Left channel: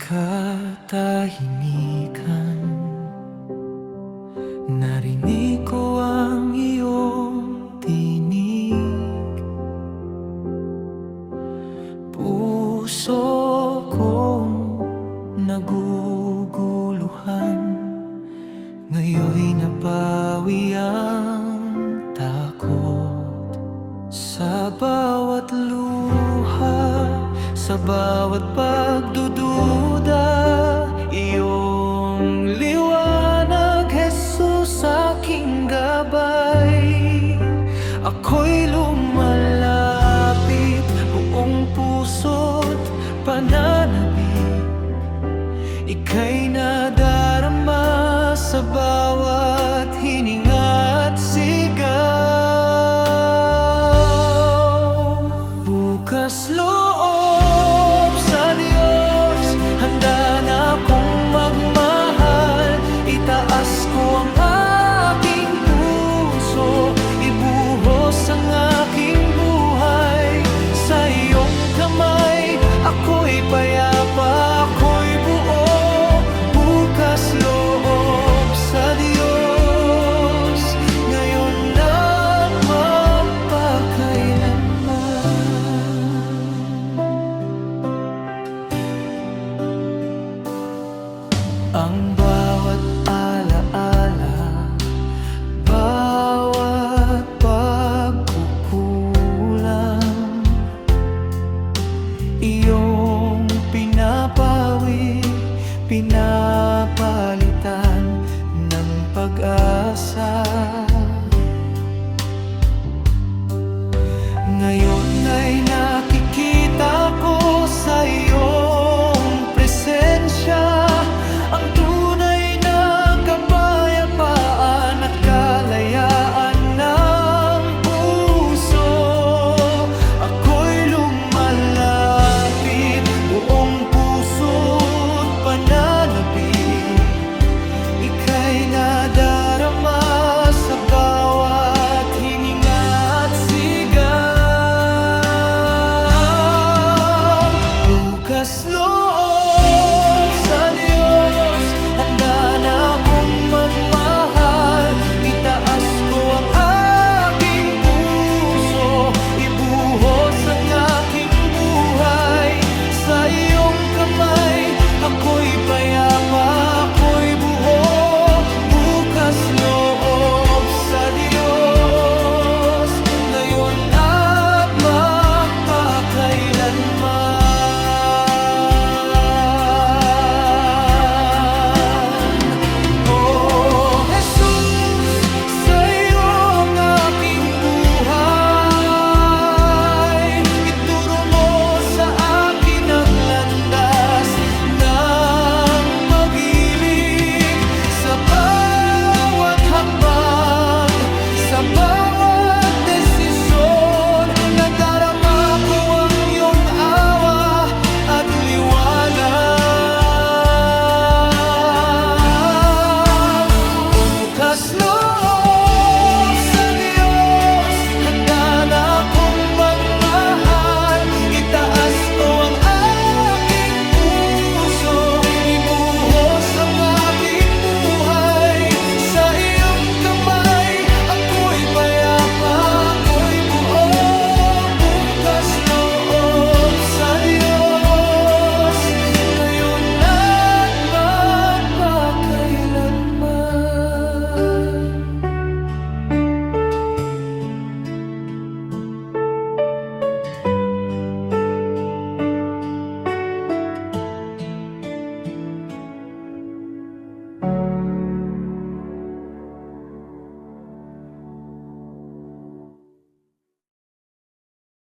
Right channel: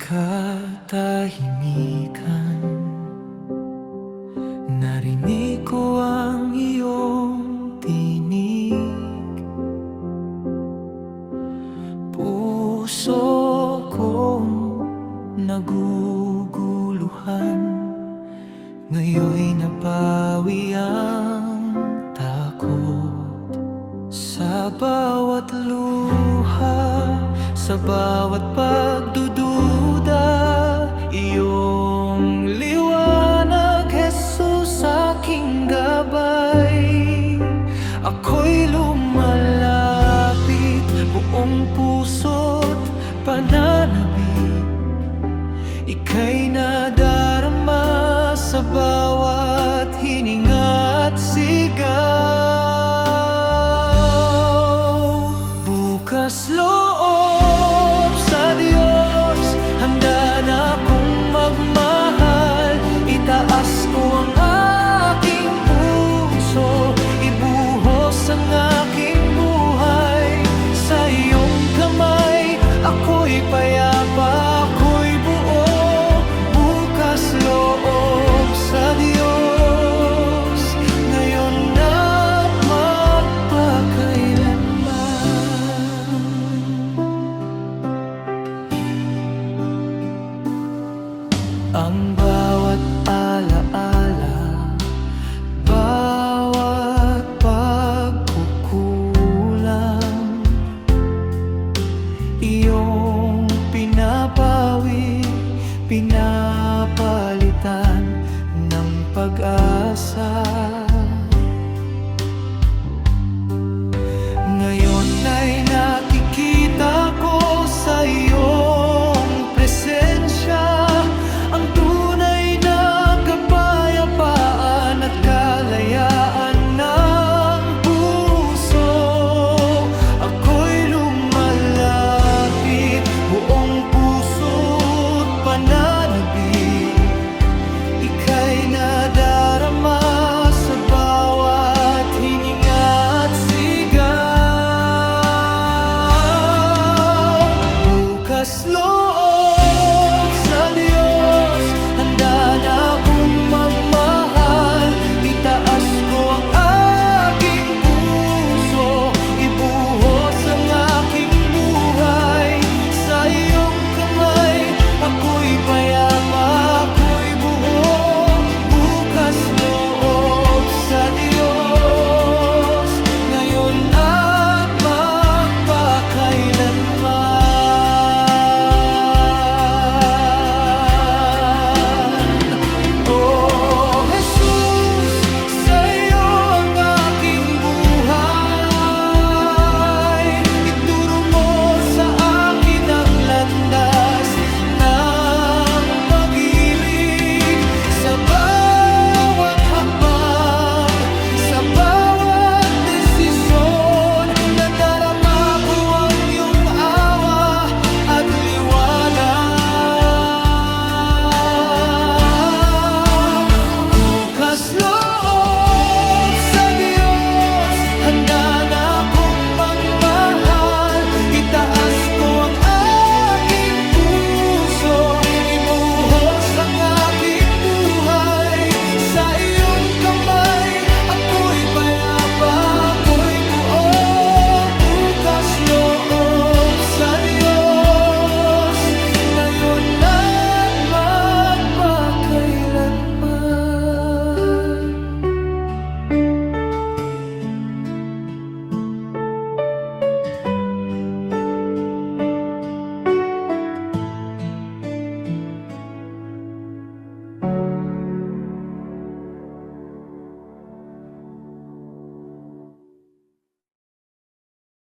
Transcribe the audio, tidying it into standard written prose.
katahimikan, narinig ko ang iyong tinig. Puso kong naguguluhan, ngayon'y napawi ang takot. Sa bawat luha, sa bawat pagdududa, iyong liwanag, Jesus, aking gabay. Ako'y lumalapit, buong puso't pananabik. Ika'y nadarama sa bawat hininga at sigaw. Bukas loob sa Diyos, handa na akong magmahal. Itaas ko ang aking puso, ibuhos ang aking buhay. Sa iyong kamay, ako'y payapa, ako'y buo. Bukas loob sa Diyos, ngayon at magpakailanman. Ang bawat alaala, bawat pagkukulang, iyong pinapawi, pinapalitan ng pag-asa. Ngayon ay nakikita ko sa iyong presensya ang tunay na kapayapaan at kalayaan ng puso. Ako'y lumalapit, buong puso't pananabik. Ika'y nadarama sa bawat hininga at sigaw. Bukas loob sa Diyos, handa na akong magmahal. Itaas ko ang aking puso, ibuhos ang aking buhay. Sa iyong kamay, ako'y payapa, ako'y buo. Bukas loob sa Diyos, ngayon at magpakailanman.